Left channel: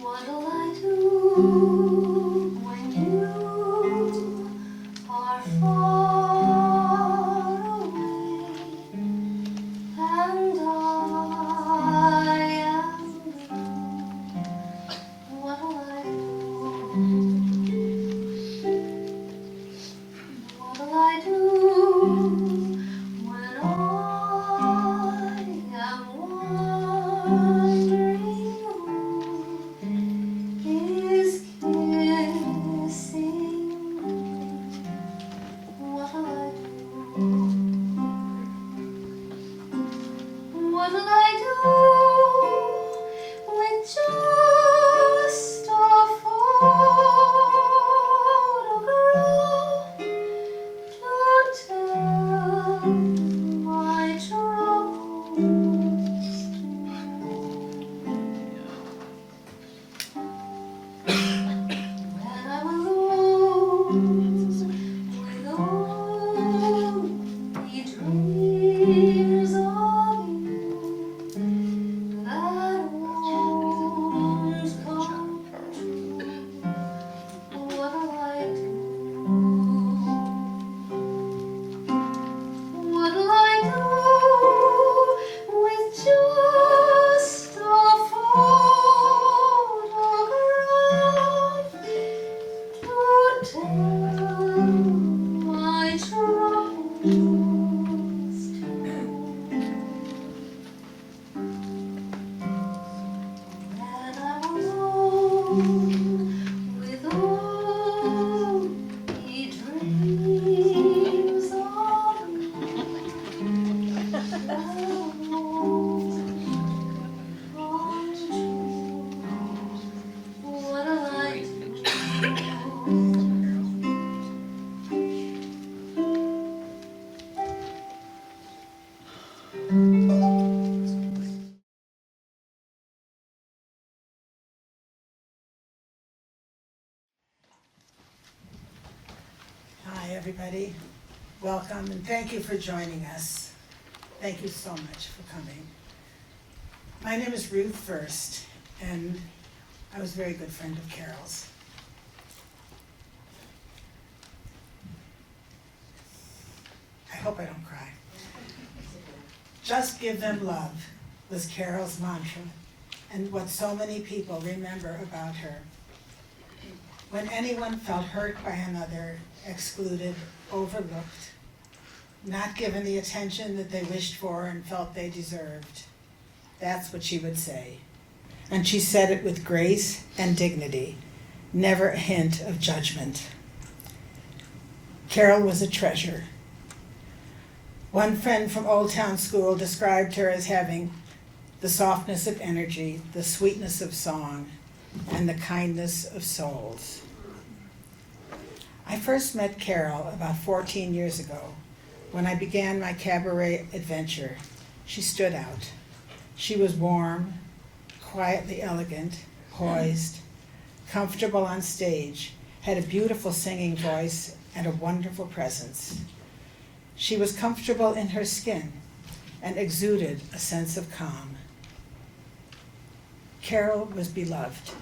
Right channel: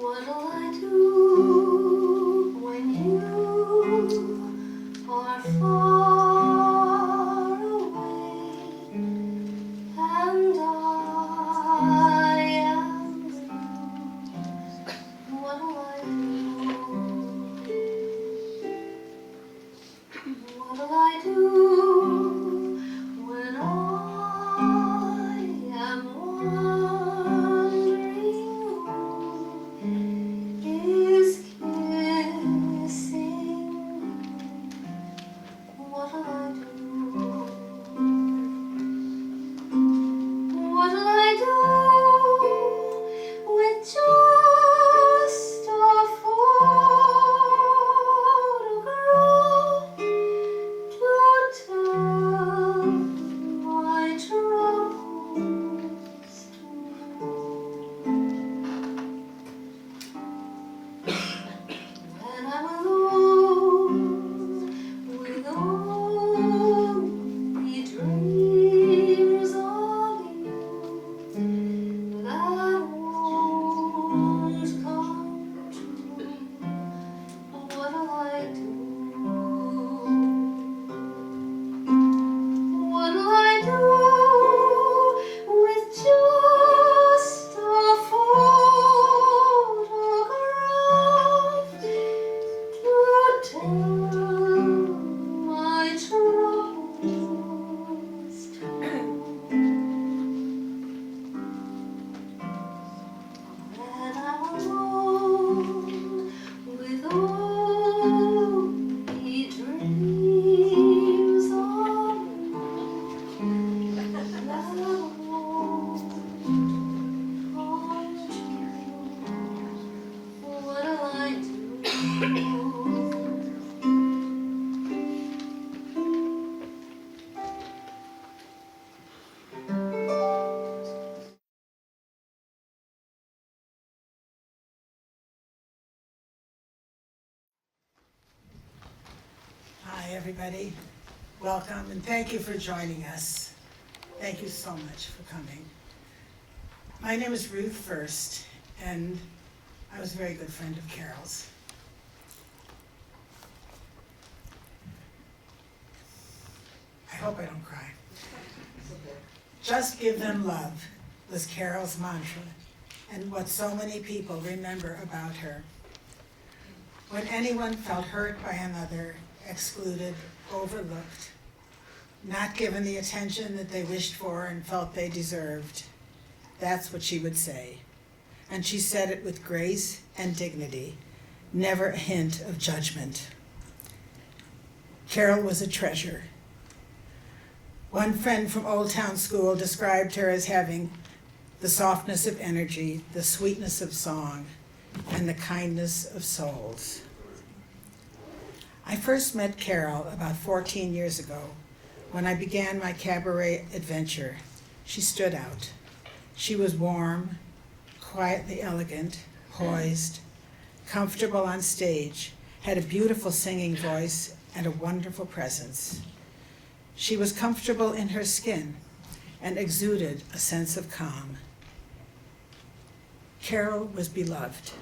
What'll I do when you are far away and I am blue? What'll I do? What'll I do when I am wondering who is kissing me? What'll I do? What'll I do with just a photograph to tell my troubles to? When I'm alone with only dreams of you that won't come true, what'll I do? What'll I do with just a photograph to tell my troubles to? When I'm alone with only dreams of you that won't come true, what'll I do? Hi, everybody. Welcome, and thank you for joining us. Thank you so much for coming. My name is Ruth Fuerst, and I was a very good friend of Carol's. I hope I don't cry. Just give them love was Carol's mantra, and what so many people remember about her. When anyone felt hurt by another, excluded, overlooked, not given the attention that they wished for and felt they deserved, that's what she would say. And she said it with grace and dignity, never a hint of judgment. Carol was a treasure. One friend from Old Town School described her as having the softness of energy, the sweetness of song, and the kindness of souls. I first met Carol about 14 years ago when I began my cabaret adventure. She stood out. She was warm, quietly elegant, poised, comfortable on stage, had a beautiful singing voice and a wonderful presence. She was comfortable in her skin and exuded a sense of calm. Carol was beloved.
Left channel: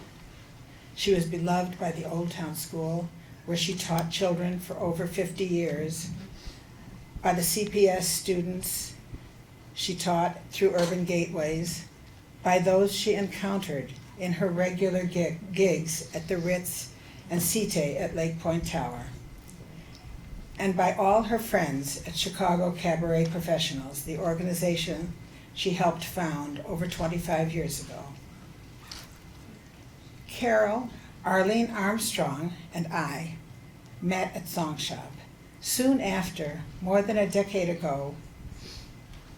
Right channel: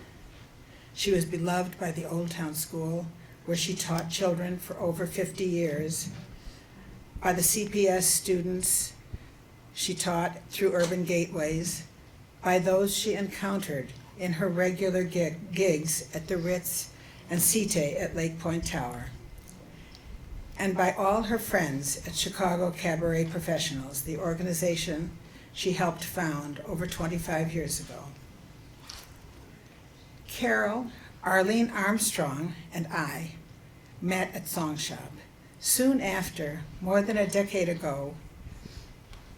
She was beloved by the Old Town School, where she taught children for over 50 years, by the CPS students she taught through urban gateways, by those she encountered in her regular gigs at the Ritz and Cite at Lake Point Tower, and by all her friends at Chicago Cabaret Professionals, the organization she helped found over 25 years ago. Carol, Arlene Armstrong, and I met at Song Shop. Soon after, more than a decade ago,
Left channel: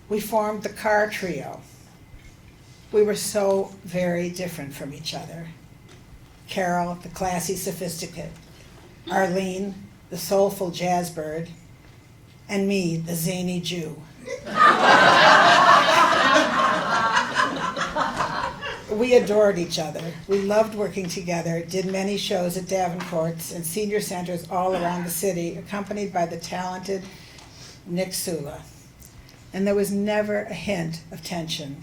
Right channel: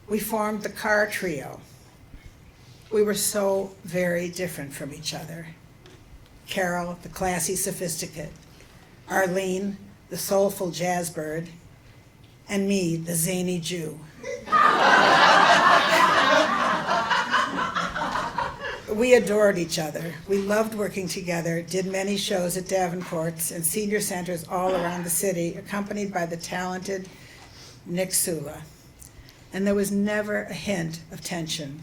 we formed the Car Trio. We were so very different from each other. Carol, the classy sophisticate, Arlene, the soulful jazzbird, and me, the zany Jew. We adored each other. We loved working together, did many shows at Davenport's and senior centers all around the city, accompanied by the talented Nick Sula. and there was never a hint of tension.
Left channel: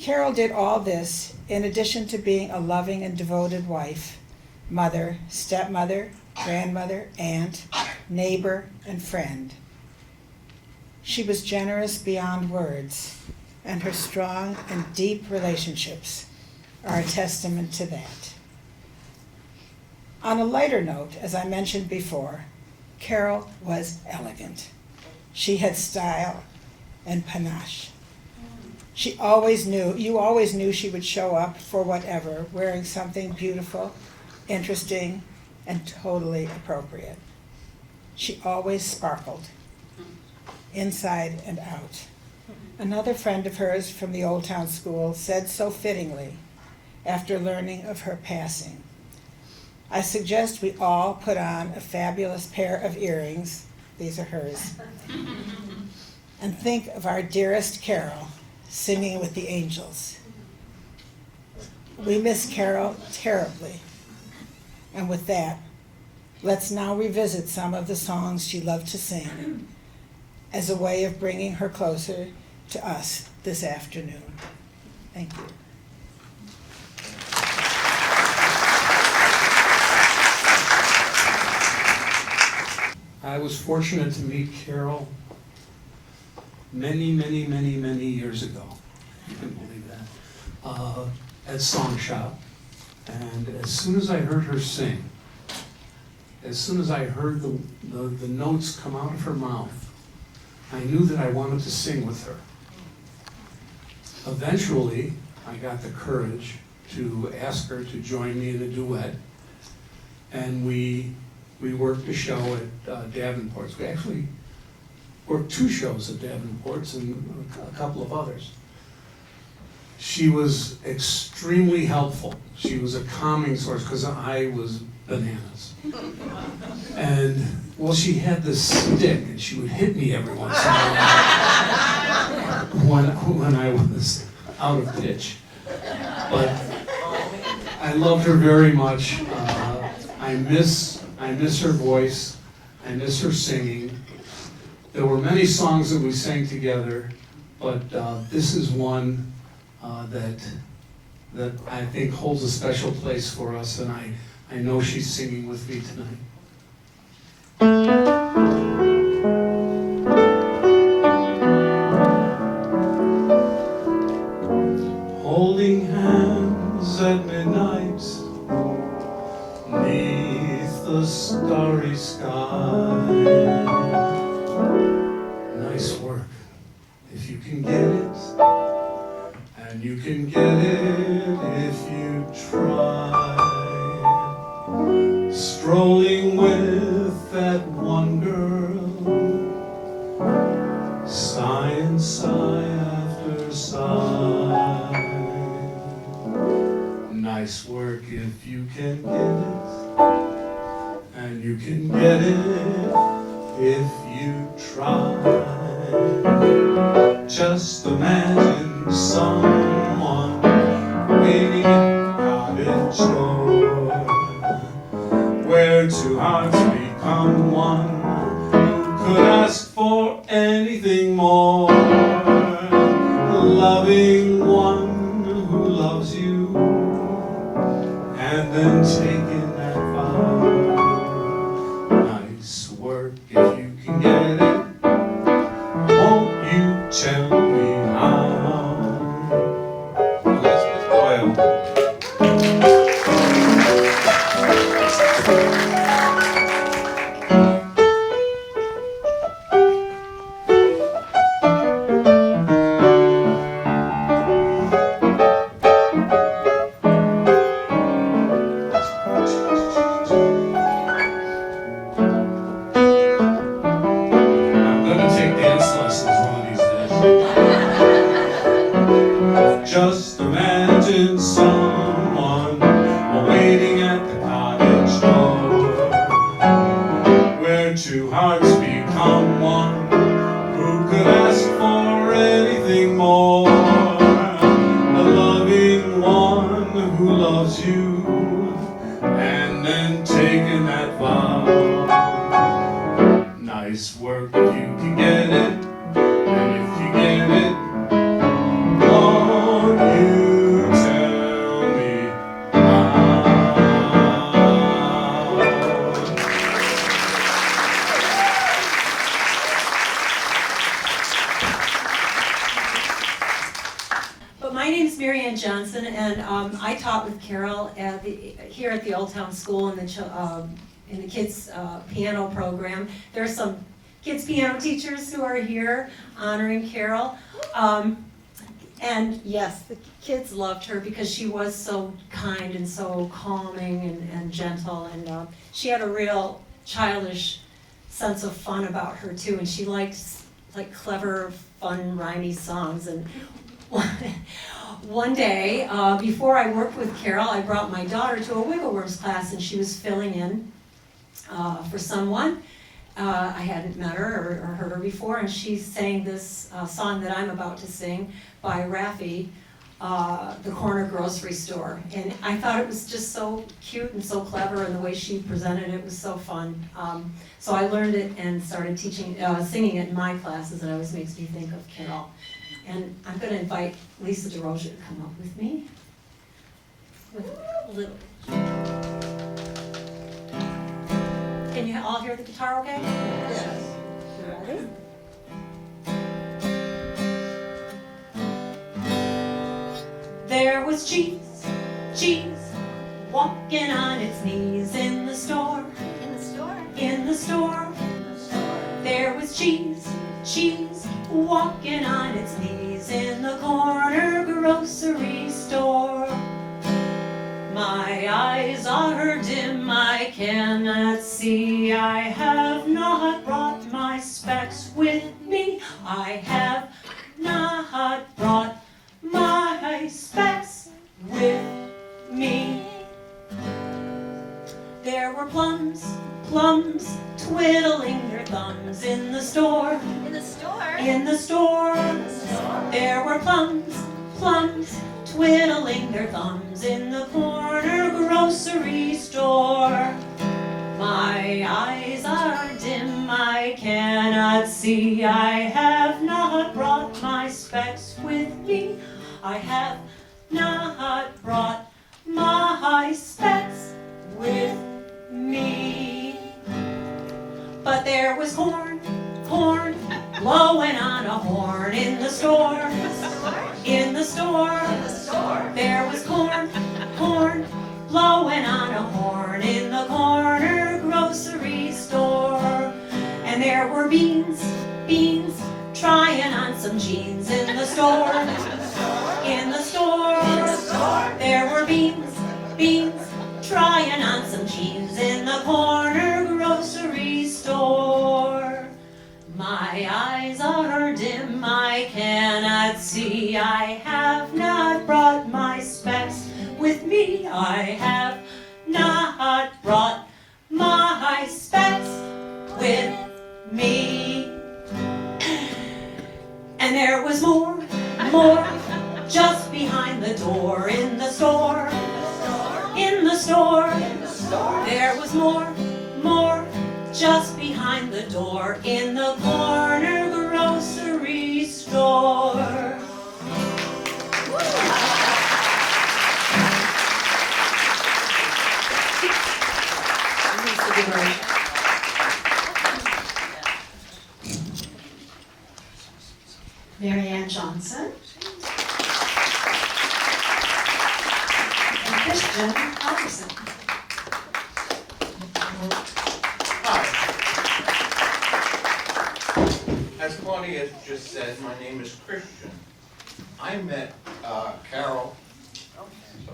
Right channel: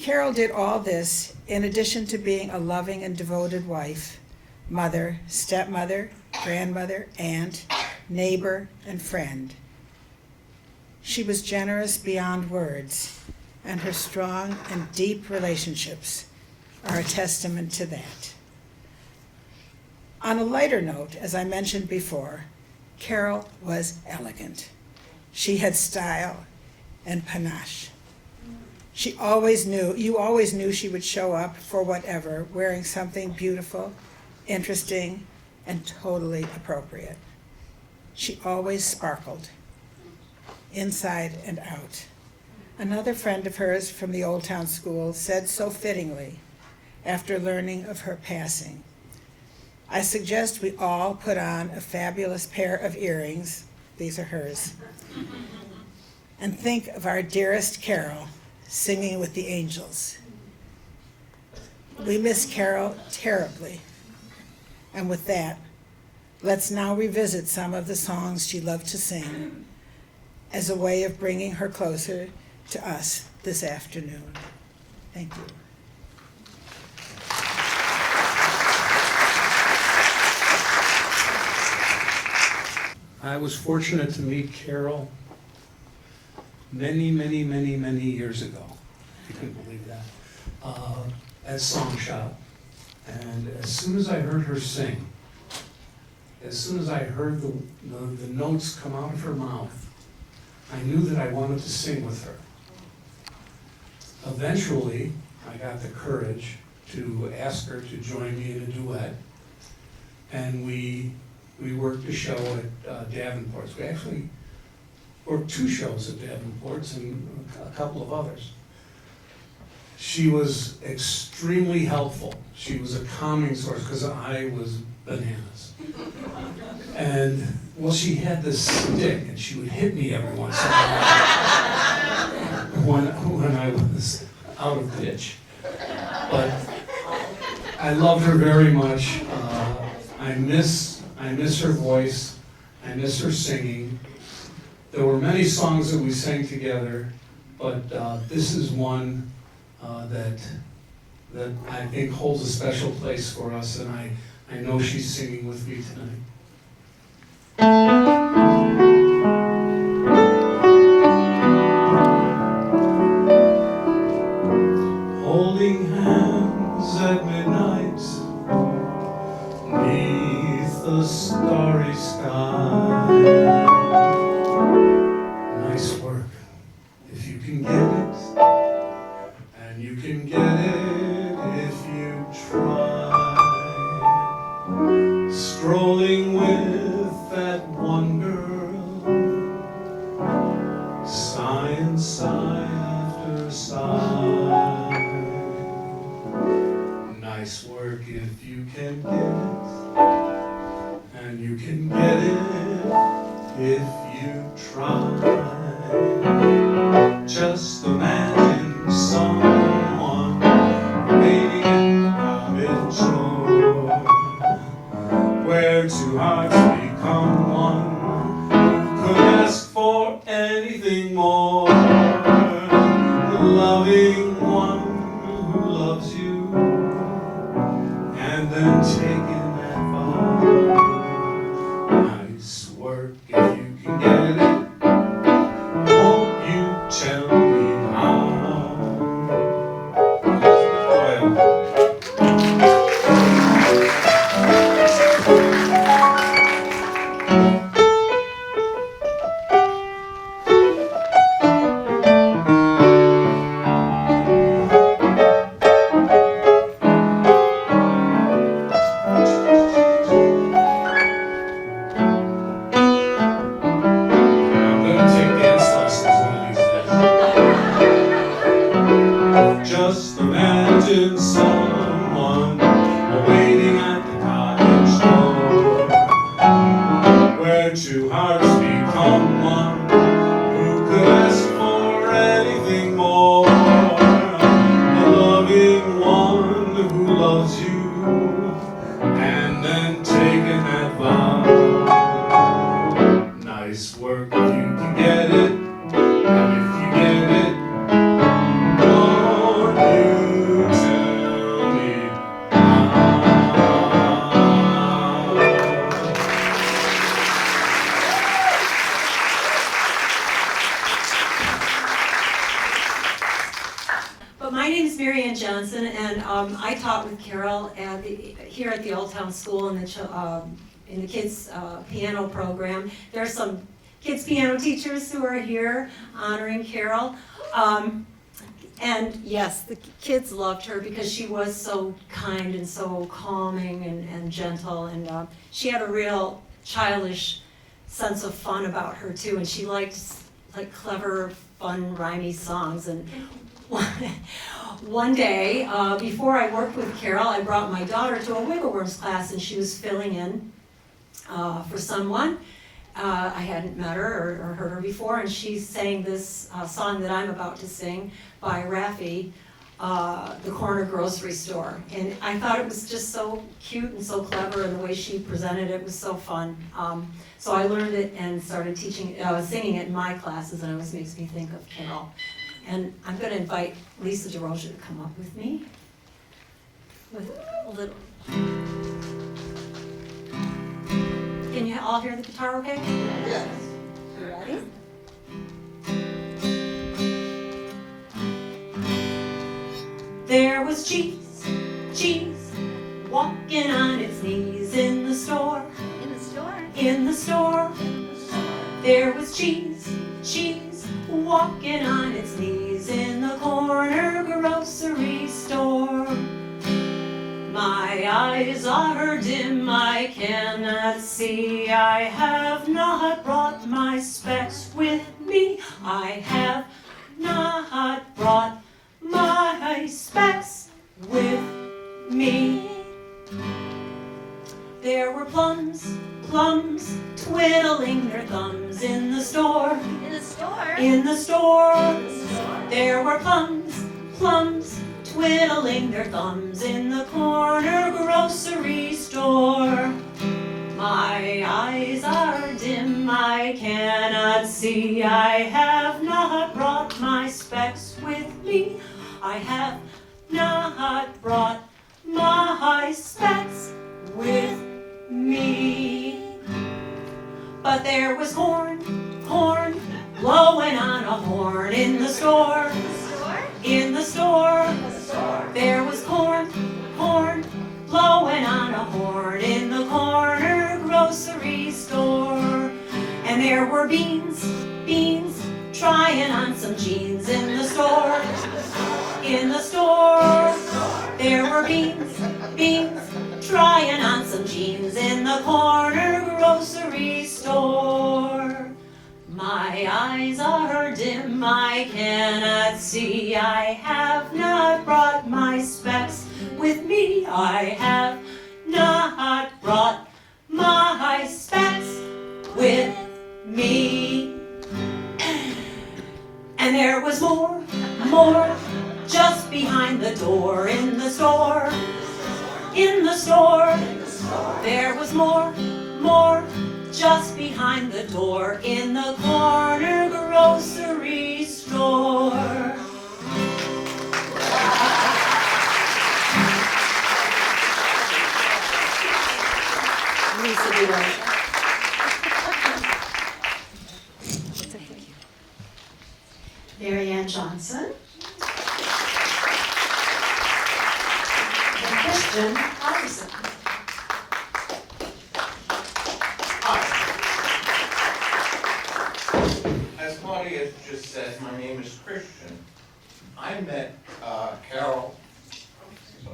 Carol did all this in addition to being a loving and devoted wife, mother, stepmother, grandmother, aunt, neighbor, and friend. She was generous beyond words, and her strong and deep relationships are a testament to that. On a lighter note, as I mentioned before, Carol was elegant. She had style and panache. You always knew she would show up for whatever, wearing something beautiful, interesting, and totally appropriate. She always sparkled, inside and out. Another friend of hers from the Old Town School said so fittingly, after learning of her passing, "I suggest we all put on a fabulous pair of earrings," these are hers, "and think of our dearest Carol singing with the angels." We miss Carol terribly. And with that, let's now revisit some of the songs she loved to sing as a way of bringing her closer to us this afternoon. Thank you. I was fortunate to meet Carol many years ago. You can believe that. At Song Shop. And as soon as I heard her sing, as soon as I heard the notes come out of her mouth, I knew that I wanted to sing with her. Eventually, I got the courage to ask her to join me in a duet, and we worked a show at Davenport's. We actually worked 2 shows at Davenport's and a couple of others. She was extremely helpful. She was a calming source because I was bananas. And, well, she had this stick and she would hit me every once in a while when I was out of pitch. But I loved her very much. I miss her voice. I miss her singing. There were many songs that we sang together, but this is one that I think holds a special place for us, and I know she's singing with me tonight. Holding hands at midnight, 'neath the starry sky. Nice work, if you can get it. And you can get it if you try. Strolling with that one girl, sigh and sigh after sigh. Nice work if you can get it. And you can get it if you try. Just imagine someone waiting in cottage door, where 2 hearts become one. Who could ask for anything more? The loving one who loves you, and then taking that vow. Nice work if you can get it. Won't you tell me how? Doyle. name is Maryanne Johnson, and I taught with Carol here at the Old Town School in the kids' piano program. There are some kids piano teachers who are here honoring Carol. And yes, the kids loved her because she was so kind and so calming and gentle, and she had a real childish sense of fun about her too, and she liked like clever, fun, rhymey songs. And one day, before I worked with Carol, I brought my daughter to a Wiggleworms class, and she was filling in for someone. I hadn't met her or heard her before, and she sang this song that I'm about to sing by Raffi, The Corner Grocery Store. And I thought it was just so cute and so clever, and the way she presented it was so fun. So I learned it and started singing it in my classes, and it always makes me think of Carol. And I'm going to invite Lisa DeRosia to come up with me with a little. Can you all hear the guitar okay? Yes. Ready? There was cheese, walking on its knees in the store. In the store. There was cheese, walking on its knees in the corner grocery store. My eyes are dim, I cannot see. I have not brought my specs with me. I have not brought my specs with me. There were plums, twiddling their thumbs in the store. In the store. There were plums, twiddling their thumbs in the corner grocery store. My eyes are dim, I cannot see. I have not brought my specs with me. I have not brought my specs with me. But there was corn, blowing on a horn in the store. In the store. There was corn, blowing on a horn in the corner grocery store. And there were beans, trying on some jeans in the store. In the store. There were beans, trying on some jeans in the corner grocery store. My eyes are dim, I cannot see. I have not brought my specs with me. I have not brought my specs with me. And there was more, just behind the door in the store. In the store. There was more, just behind the door in the corner grocery store. Maryanne Johnson. And Christian Halvorsen. As Claudia just said, my name is Christian. I met Carol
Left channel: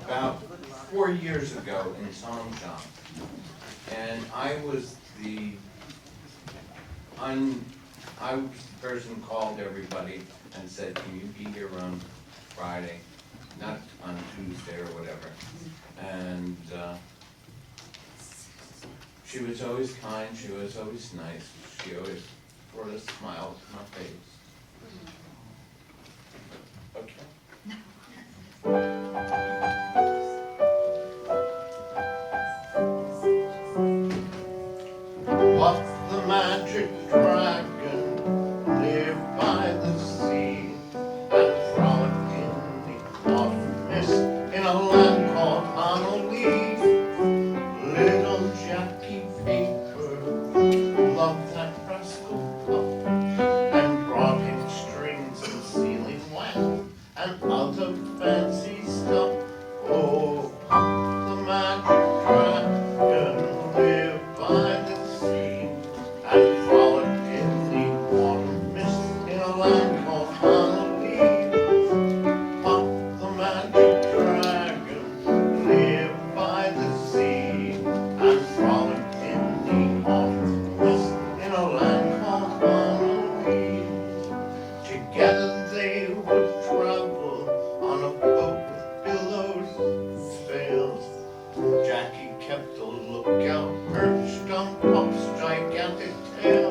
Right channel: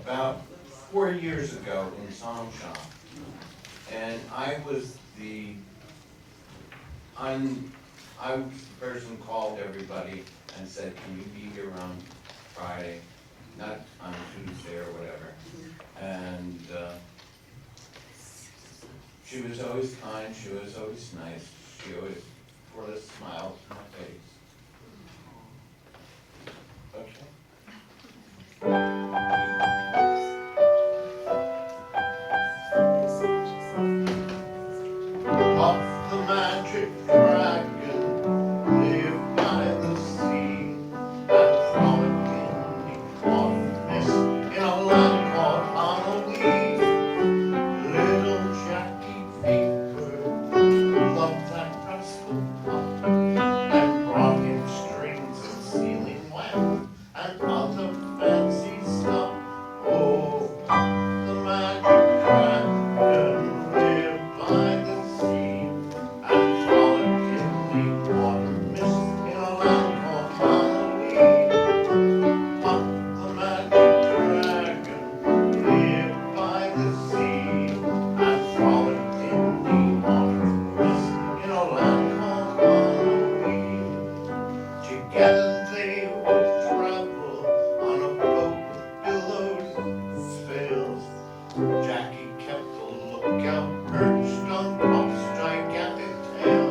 about 4 years ago in Song Shop. And I was the person who called everybody and said, can you be here on Friday, not on Tuesday or whatever. And she was always kind, she was always nice, she always brought a smile to my face. Puff the magic dragon lived by the sea and frolicked in the autumn mist in a land called Honolulu. Little Jackie Paper loved that rascal Puff and brought together they would travel on a boat with billows sails. Jackie kept a lookout perched on Puff's gigantic tail.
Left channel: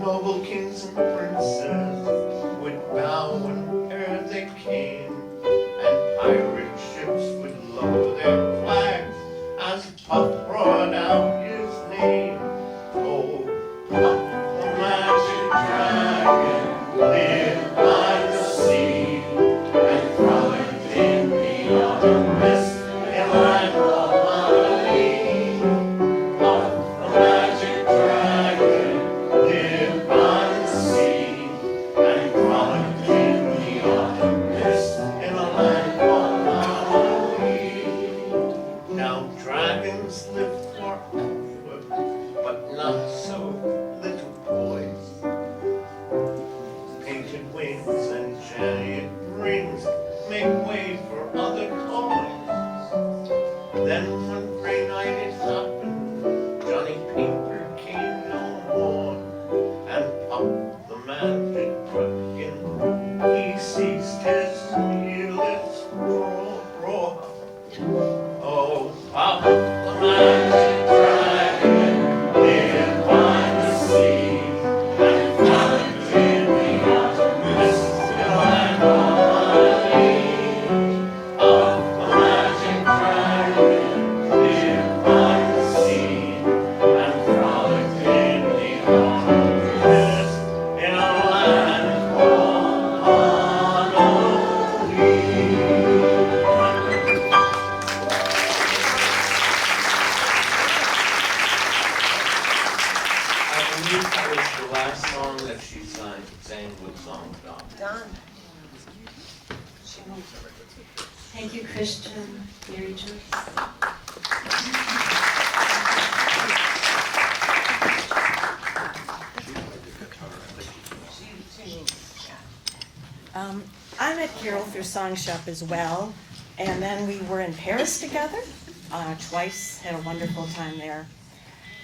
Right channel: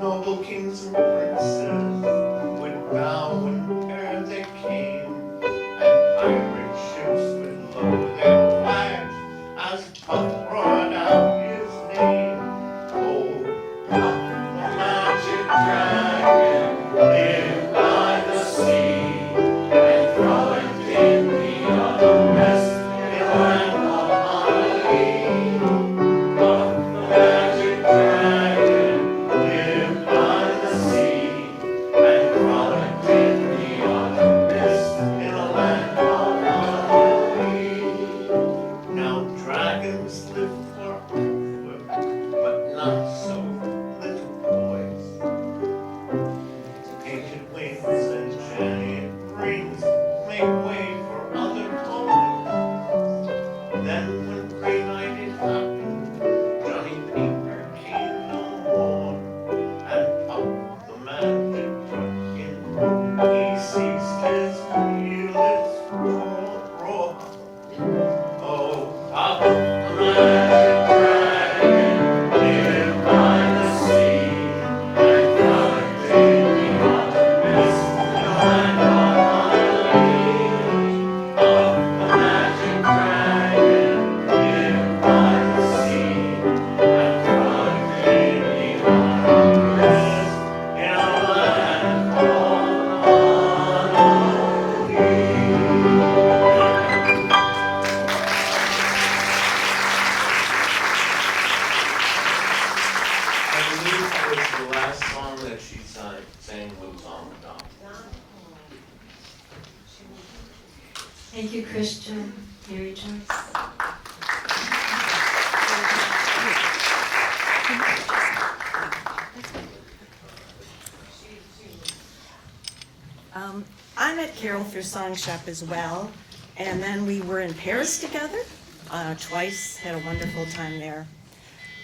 Noble kings and princes would bow and prepare they came, and pirate ships would lower their flags as Puff roared out his name. Oh, Puff the magic dragon lived by the sea, and frolicked in the autumn mist in land of Marie. Puff the magic dragon lived by the sea, and frolicked in the autumn mist in a land of Marie. Now dragons live forever, but not so little boys. Painted wings and chariot rings make way for other toys. Then one gray night it happened, Johnny Paper came no more, and Puff the magic dragon, he ceased his fearless roar. Oh, Puff the magic dragon lived by the sea, and frolicked in the autumn mist in a land of Marie. Puff the magic dragon lived by the sea, and frolicked in the autumn mist in a land of Marie. I believe that was the last song that she sang with Song Dog. Thank you, Christian. Mary Joyce. I met Carol through Song Shop as well, and then we were in Paris together twice, had a wonderful time there.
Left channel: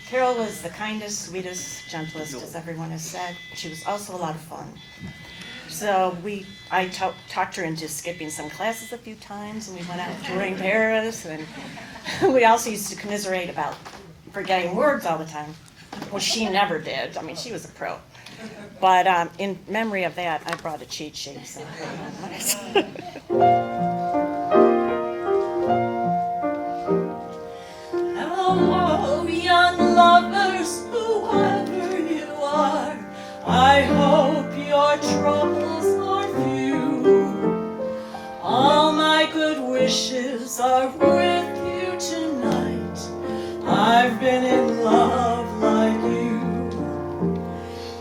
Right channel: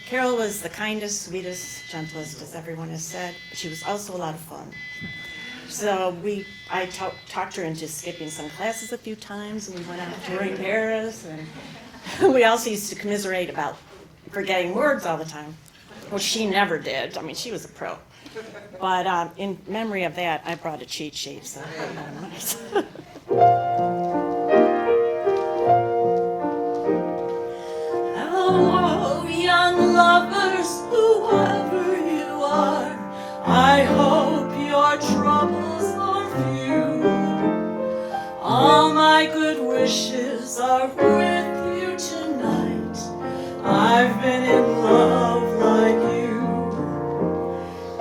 Carol was the kindest, sweetest, gentlest, as everyone has said. She was also a lot of fun. So I talked her into skipping some classes a few times, and we went out touring Paris, and we also used to commiserate about forgetting words all the time. Well, she never did. I mean, she was a pro. But in memory of that, I brought a cheat sheet. So. Hello, young lovers, whoever you are. I hope your troubles are few. All my good wishes are with you tonight. I've been in love like you.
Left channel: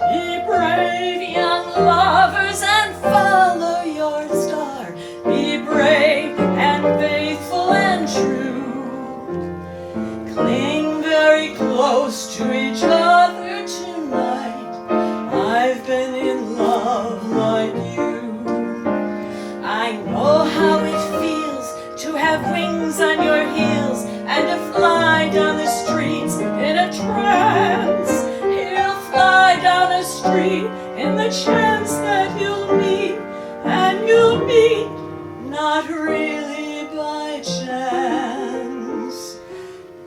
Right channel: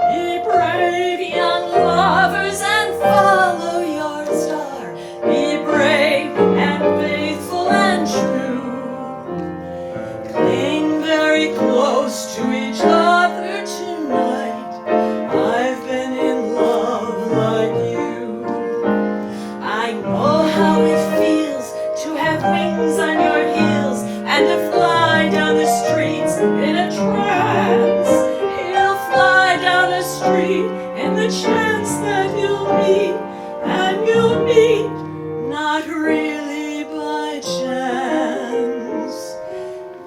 Be brave, young lovers, and follow your star. Be brave and faithful and true. Cling very close to each other tonight. I've been in love like you. I know how it feels to have wings on your heels and to fly down the streets in a trance. He'll fly down the street in the chance that you'll meet, and you'll meet not really by chance.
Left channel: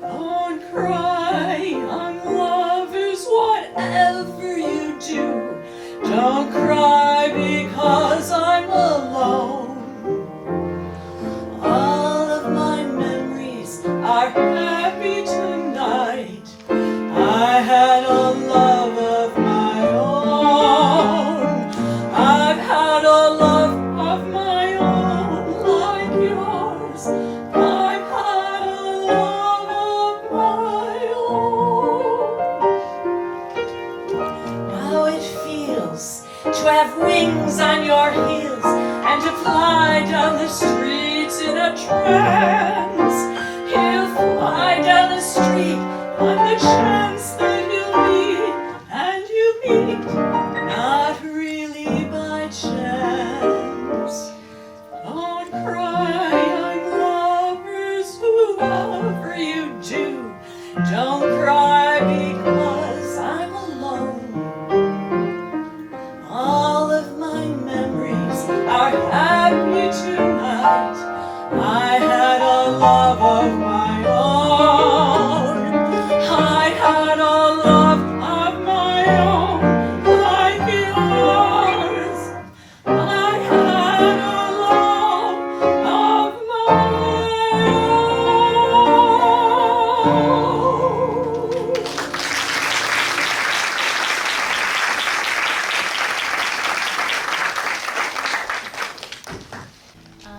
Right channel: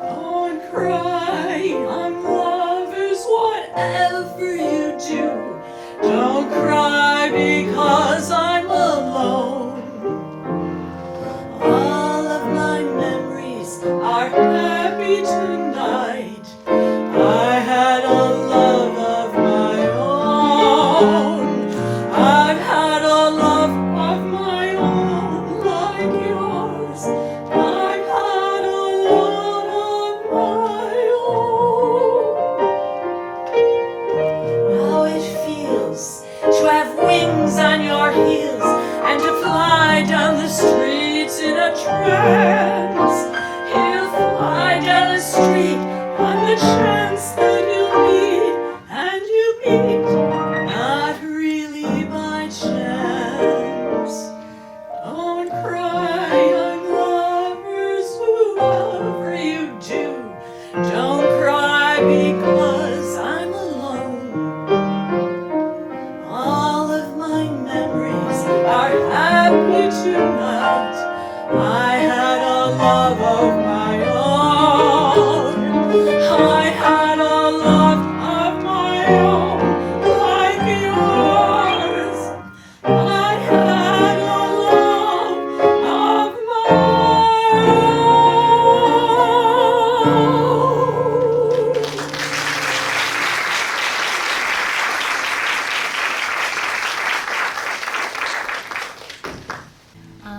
Don't cry, young lovers, whatever you do. Don't cry because I'm alone. All of my memories are happy tonight. I had a love of my own. I've had a love of my own like yours. I've had a love of my own. How it feels to have wings on your heels and to fly down the streets in a trance. He'll fly down the street on the chance that you'll meet, and you meet not really by chance. Don't cry, young lovers, whoever you do. Don't cry because I'm alone. I had a love of my own. I had a love of my own, like yours. I had a love of my own.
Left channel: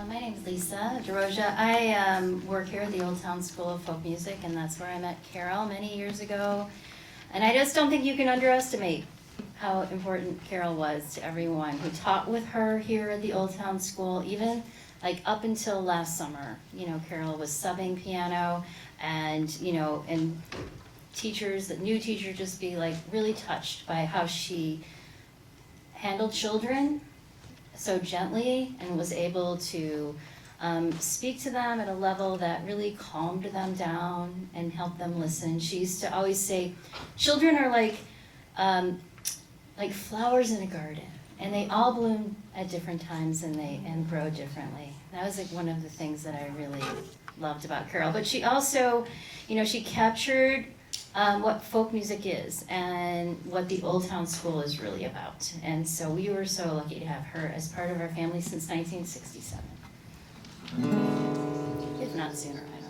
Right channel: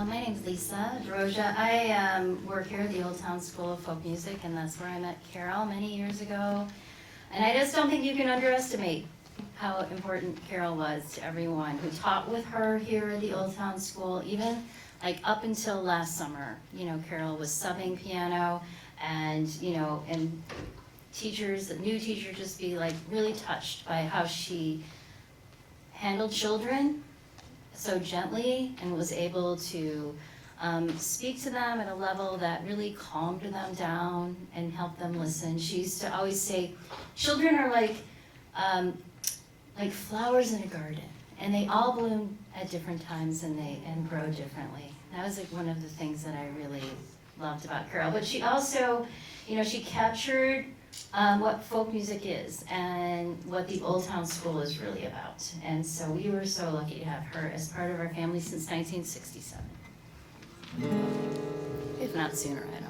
My name's Lisa DeRosia. I work here at the Old Town School of Folk Music, and that's where I met Carol many years ago. And I just don't think you can underestimate how important Carol was to everyone who taught with her here at the Old Town School, even like up until last summer. You know, Carol was subbing piano, and and new teachers just be like really touched by how she handled children so gently and was able to speak to them at a level that really calmed them down and helped them listen. She used to always say, children are like flowers in a garden, and they all bloom at different times and grow differently. That was like one of the things that I really loved about Carol. But she also, she captured what folk music is and what the Old Town School is really about. And so we were so lucky to have her as part of our family since 1967. If not sooner, I know.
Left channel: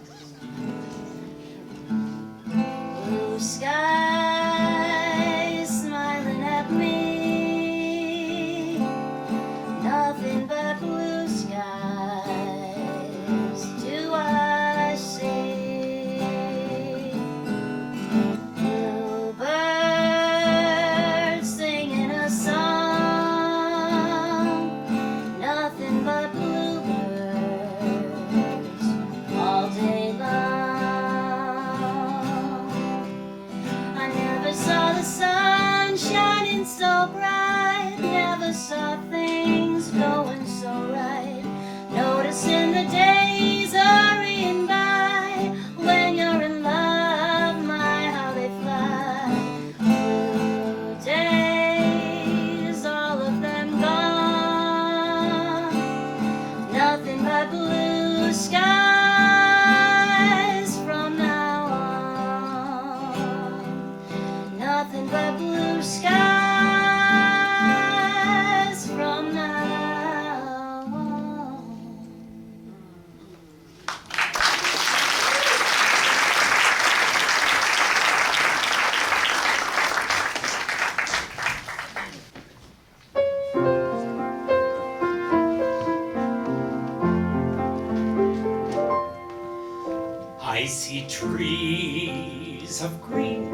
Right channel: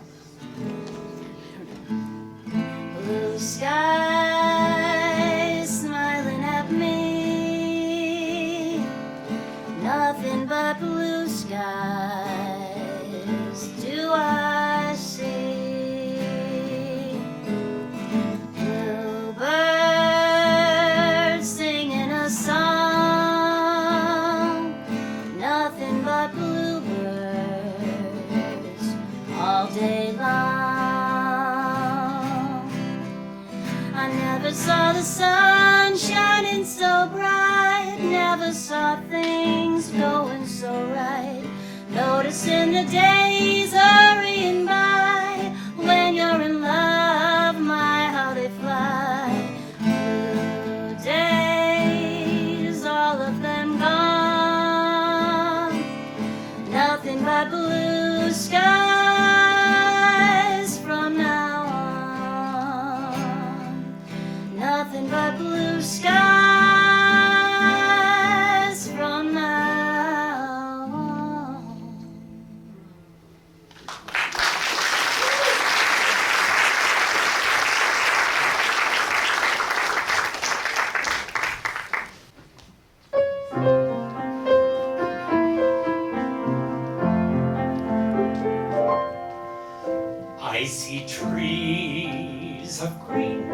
Blue skies smiling at me, nothing but blue skies do I see. Bluebirds singing a song, nothing but bluebirds all day long. I never saw the sun shining so bright, never saw things going so right, noticing the days hurrying by. When you're in love, my how they fly. Blue days, all of them gone, nothing but blue skies from now on, nothing but blue skies from now on. I see trees of green,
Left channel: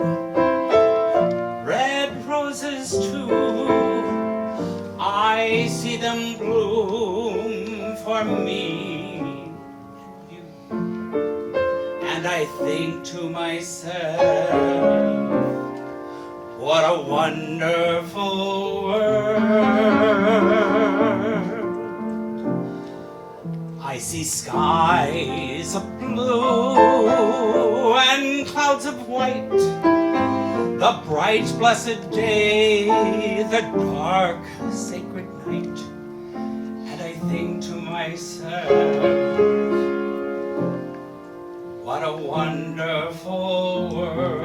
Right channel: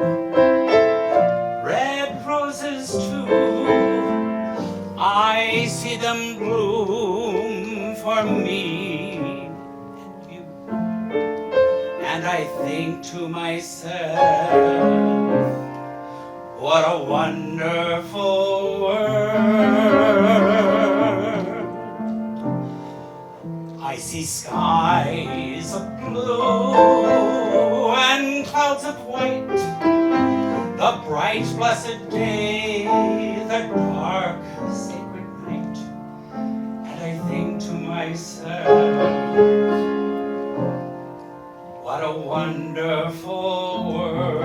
red roses too. I see them bloom for me and you. And I think to myself, what a wonderful world. I see skies of blue and clouds of white, the bright blessed day, the dark sacred night. And I think to myself, what a wonderful world.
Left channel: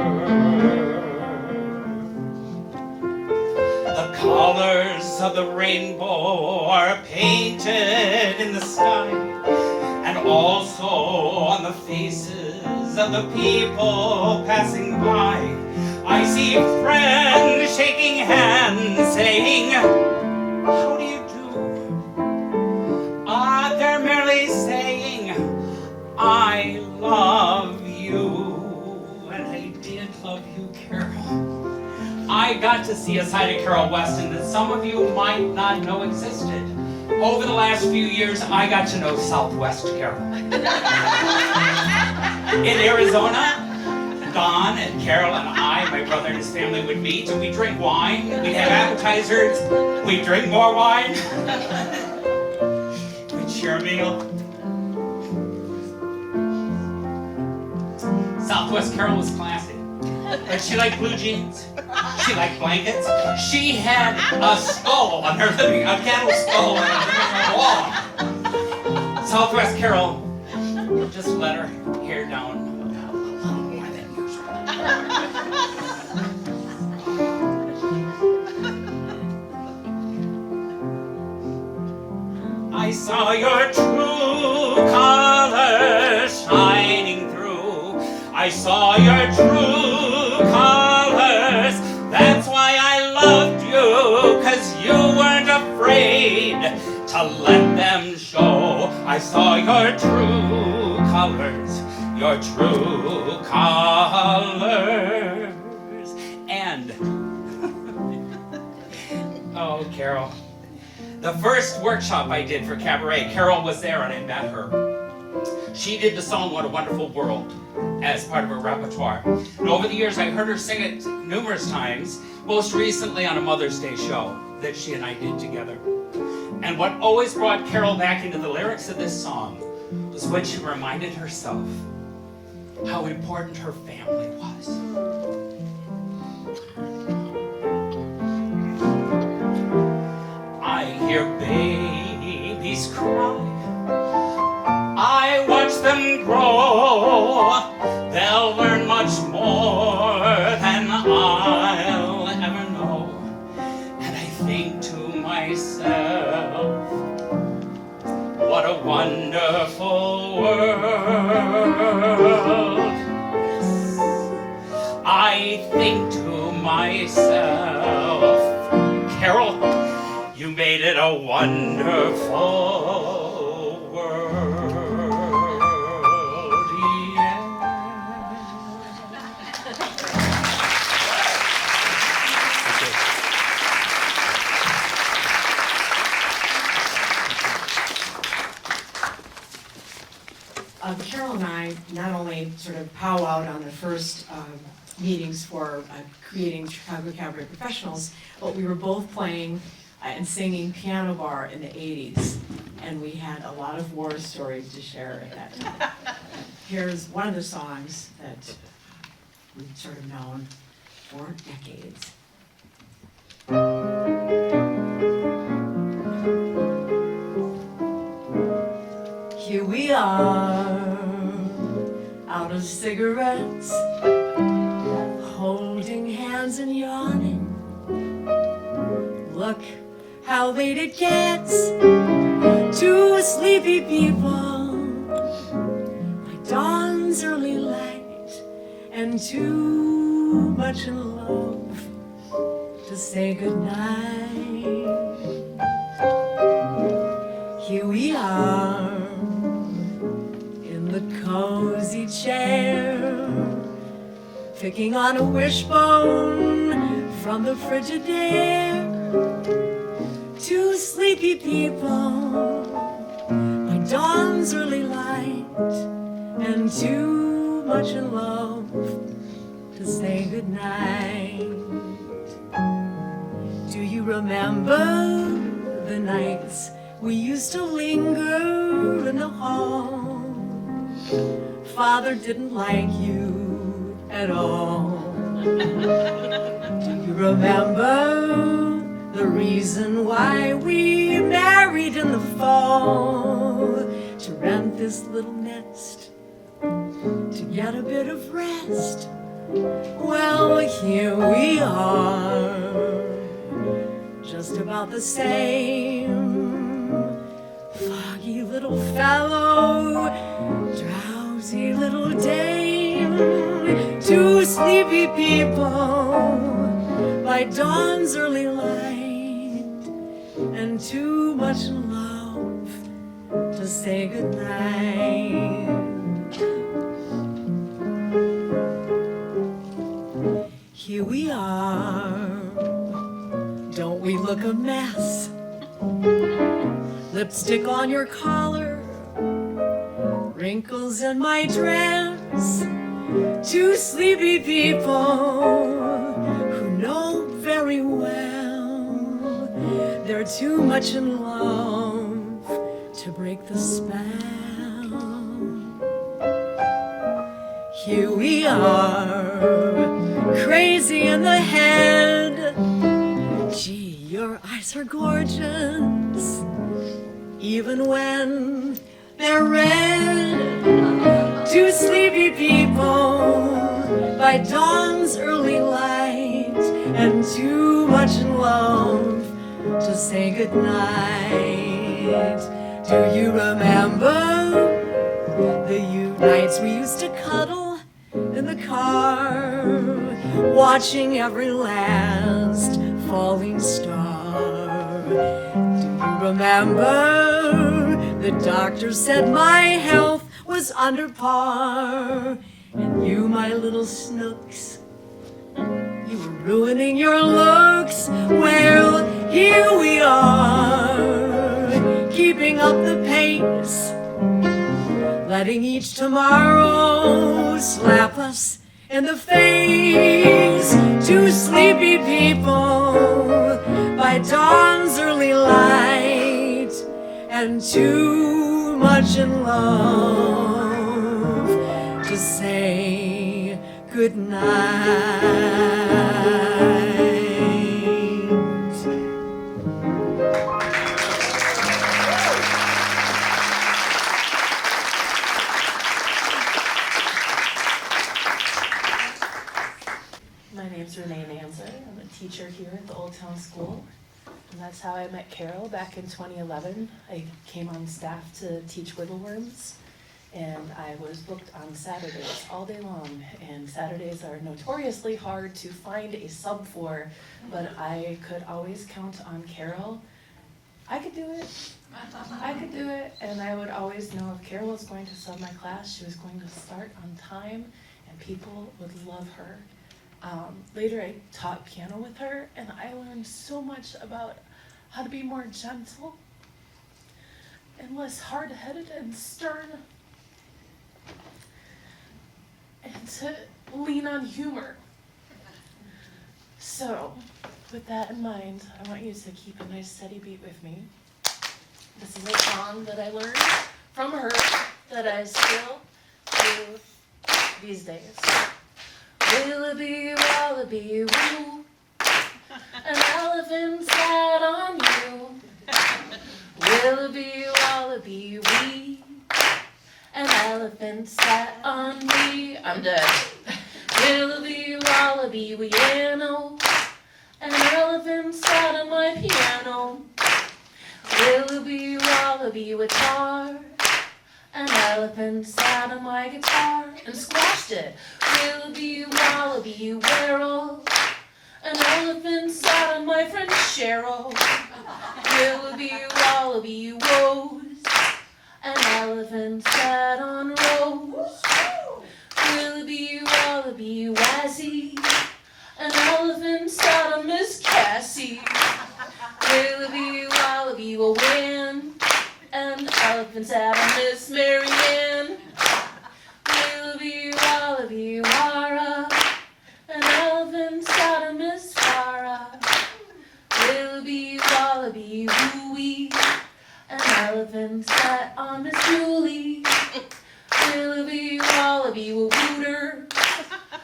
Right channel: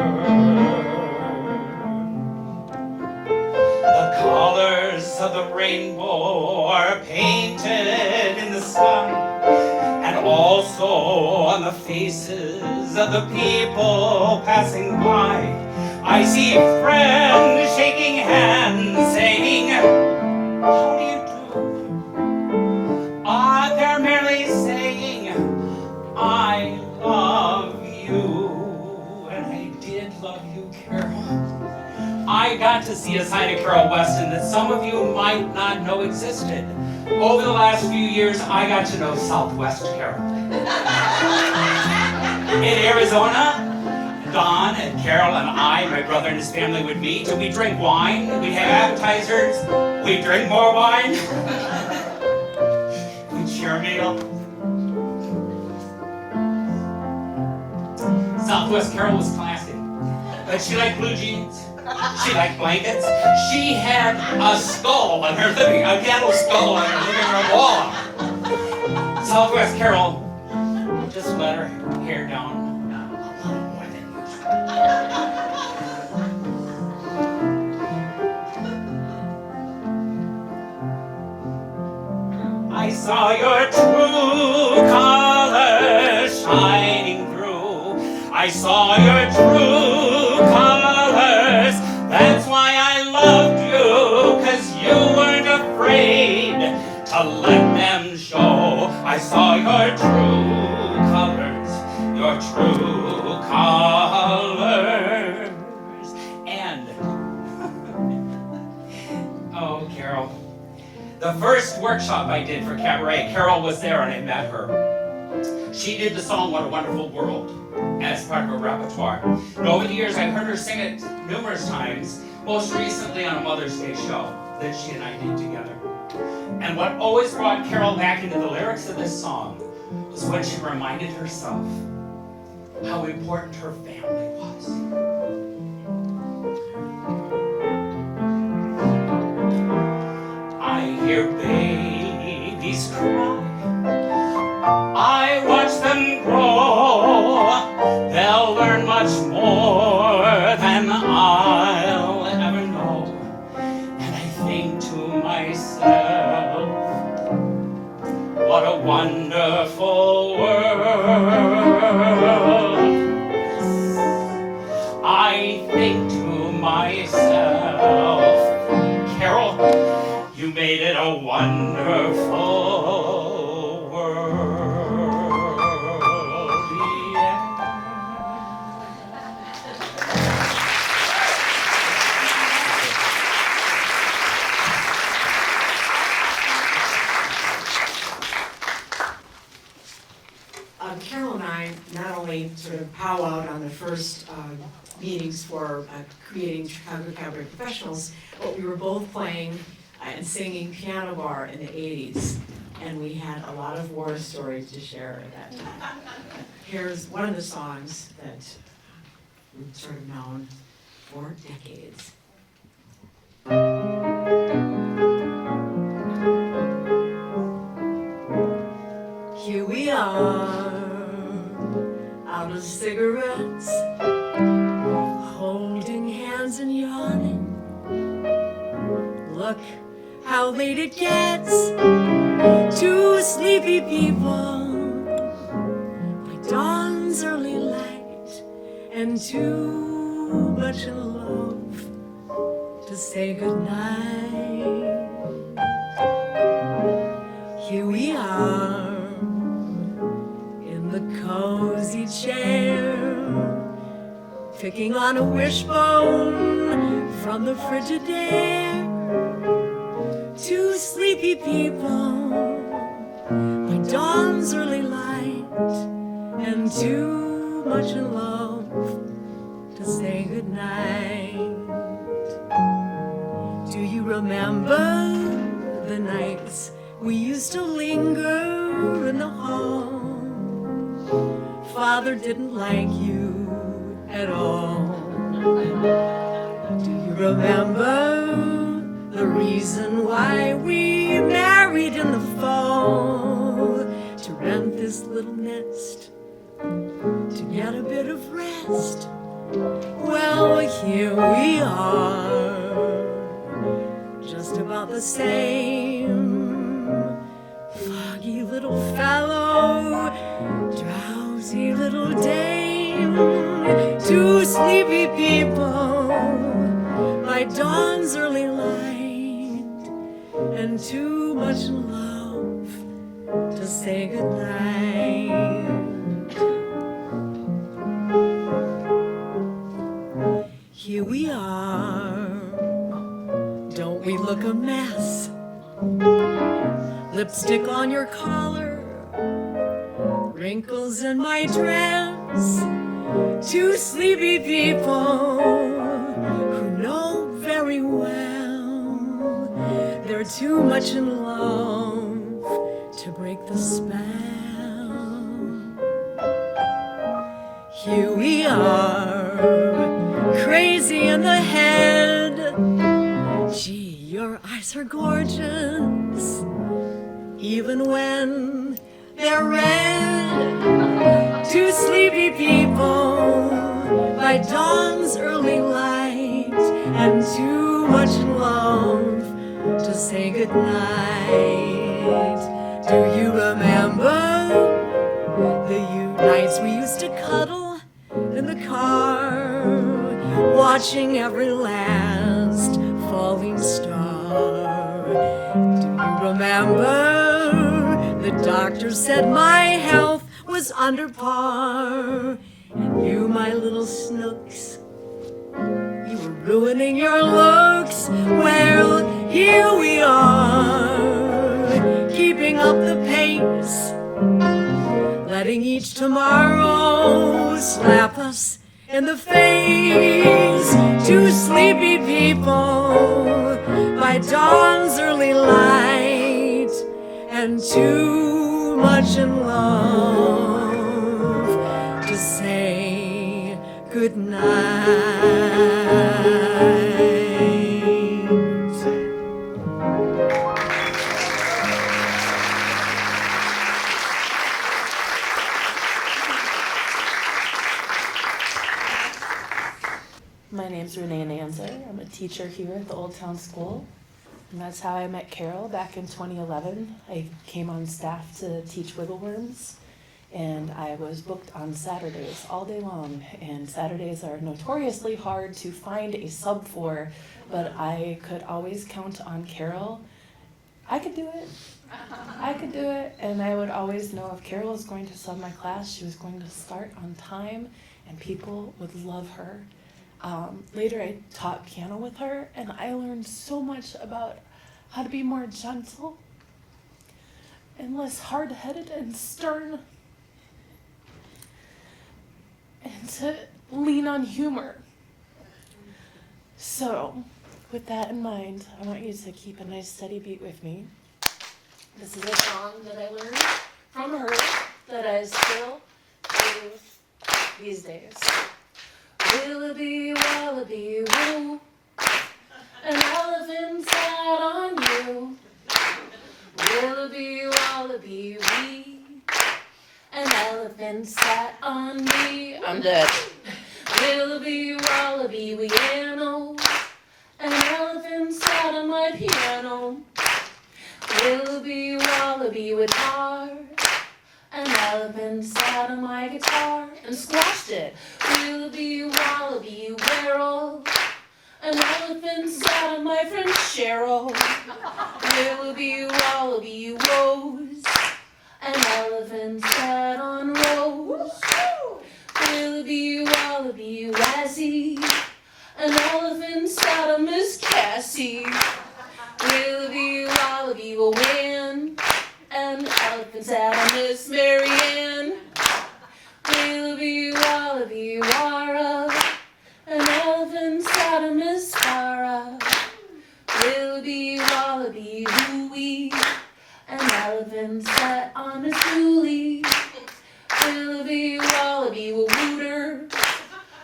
The colors of the rainbow are painted in the sky, and also on the faces of the people passing by. I see friends shaking hands, saying, how do you do? They're merely saying, I love you. And I did love you, Carol. I got to see a side of Carol Weston that some of you might not know existed. Over the last few years, I got to know Southwest Carol. In Arizona, Don and Carol and I, my brother and his family, would meet, and we'd drink wine, we'd have appetizers, we'd drink more wine, we'd share a meal. Southwest Carol was classy, but she liked blue jeans. She liked blankets. She had a skull on her living, a piano skull on her living room wall. Southwest Carol, just let her hair down. I saw your true colors shining through. I saw your true colors. That's why I loved you, 'cause you weren't afraid to let them show. I saw your true colors, your true colors. And, oh, Carol. The first workshop I did for Cabaret, Carol was there and I met her. She did the song What a Wonderful World as part of her repertoire. And over the years I've heard her sing it numerous times, most recently on a Mother's Day show that she and I did together. And what always brought Carol back into the lyrics of this song was when she reminded herself how important her family was. I hear babies cry, I watch them grow, they'll learn much more than I'll ever know. And I think to myself, what a wonderful world. I think to myself, Carol, you made it a wonderful world, yeah. Carol and I not only sort of powwowed on the first meetings for creating Chicago Cabaret Professionals, but we were both playing and singing piano bar in the 80s, and we had a lot of war stories to share at that time. Here's one of the songs that we've sort of known for decades. Here we are, out of cigarettes, holding hands and yawning. Look how late it gets, two sleepy people, by dawn's early light, and too much in love to say goodnight. Here we are, in the cozy chair, picking on a wishbone from the Frigidaire. Two sleepy people by dawn's early light, and too much in love to say goodnight. Do you remember the nights we used to linger in the hall? Father didn't like you at all. Do you remember the reason why we married in the fall? To rent this little nest, to get a bit of rest. Well, here we are, just about the same. Foggy little fellow, drowsy little dame, two sleepy people by dawn's early light, and too much love to say goodnight. Here we are, don't we look a mess? Lipstick on your collar, wrinkles in my dress, two sleepy people who know very well they're too much in love to break the spell. Here we are, crazy in the head. Gee, your eyes are gorgeous, even when they're read to sleepy people by dawn's early light, and too much in love to say goodnight. Do you remember the nights we used to cuddle in the car, watching every last falling star? Do you remember the doctor said my health was under par, and you, my little snooks, you were ruining your looks? Well, here we are, keeping up the pace, letting each tomorrow slap us in the face. Two sleepy people by dawn's early light, and too much in love to say goodnight. My name's Renee Nanzer. I'm a teacher here at the Old Town School, and that's how I met Carol back in 2011. I came on staff to teach Wiggleworms, and I was booked on Saturdays all day long, and Saturdays are notoriously hard to find a sub for, but I could always count on Carol. I could do it. I could do it, and I would always know if Carol was going to sub my class, she was going to start on time, and people would love her. Later I taught piano with her, and I learned so much about how to be more gentle and less hard-headed and stern, and to lean on humor. So, with that in mind, I want you to keep a nice steady beat with me. This is a song that I learned from her that I still do these days. Willoughby, wallaby, woo, an elephant sat on you. Willoughby, wallaby, wee, an elephant sat on me. I'm dead. Willoughby, wallaby, weano, an elephant sat on my piano. Willoughby, wallaby, guitar, an elephant sat on my guitar and squashed it. Willoughby, wallaby, whirl, an elephant sat on my friend Cheryl. Willoughby, wallaby, rose, an elephant sat on Rose. Willoughby, wallaby, Wazzy, an elephant sat on Miss Cassie. Willoughby, wallaby, win, an elephant sat on Miss Maryanne. Willoughby, wallaby, wara, an elephant sat on Miss Tara. Willoughby, wallaby, wooey, an elephant sat on Miss Julie. Willoughby, wallaby, wooter,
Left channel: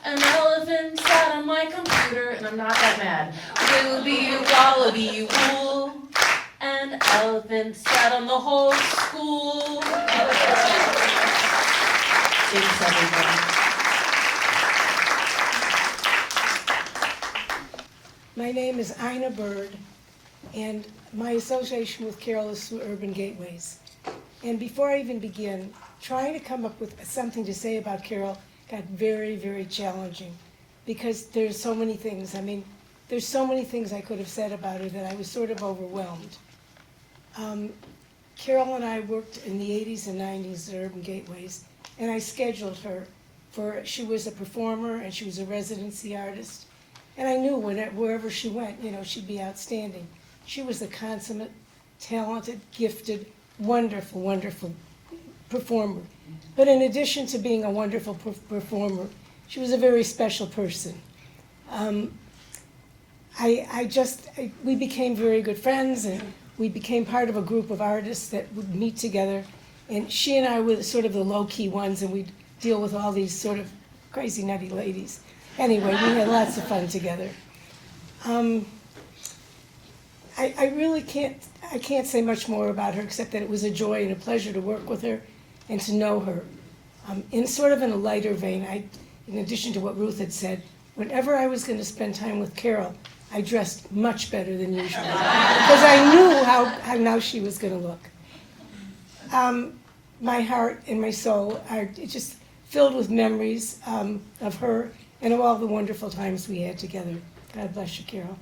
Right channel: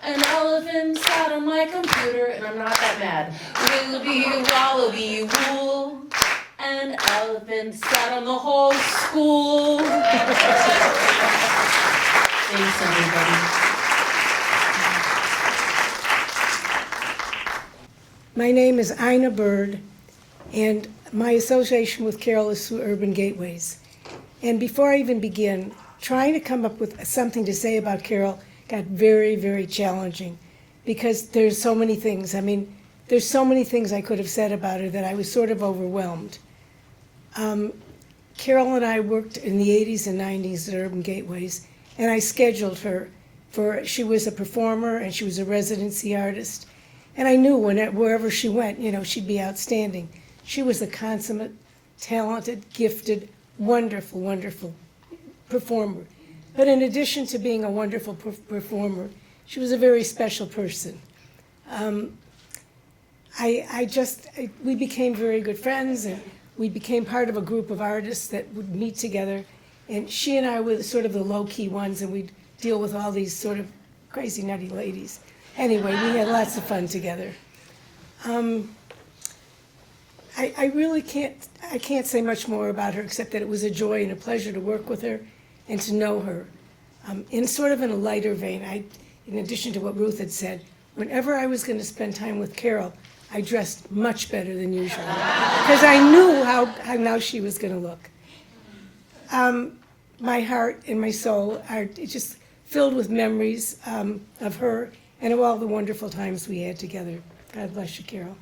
an elephant sat on my computer, and I'm not that mad. Willoughby, wallaby, wool, an elephant sat on the whole school. Thanks, everybody. My name is Ina Bird, and my association with Carol is through Urban Gateways. And before I even begin, trying to come up with something to say about Carol got very, very challenging, because there's so many things. I mean, there's so many things I could have said about her that I was sort of overwhelmed. Carol and I worked in the 80s and 90s at Urban Gateways, and I scheduled her she was a performer and she was a residency artist. And I knew wherever she went, she'd be outstanding. She was a consummate, talented, gifted, wonderful, wonderful performer. But in addition to being a wonderful performer, she was a very special person. We became very good friends, and we became part of a group of artists that would meet together. And she and I were sort of the low-key ones, and we'd deal with all these sort of crazy, nutty ladies. Anyway, we had lots of fun together. I really can't, I can't say much more about her except that it was a joy and a pleasure to work with her and to know her. In sort of in a lighter vein, in addition to what Ruth had said, whenever I was going to spend time with Carol, I dressed much better than usual because I knew how now she was going to look. My heart and my soul are just filled with memories of her and of all the wonderful times we had together. God bless you, Carol.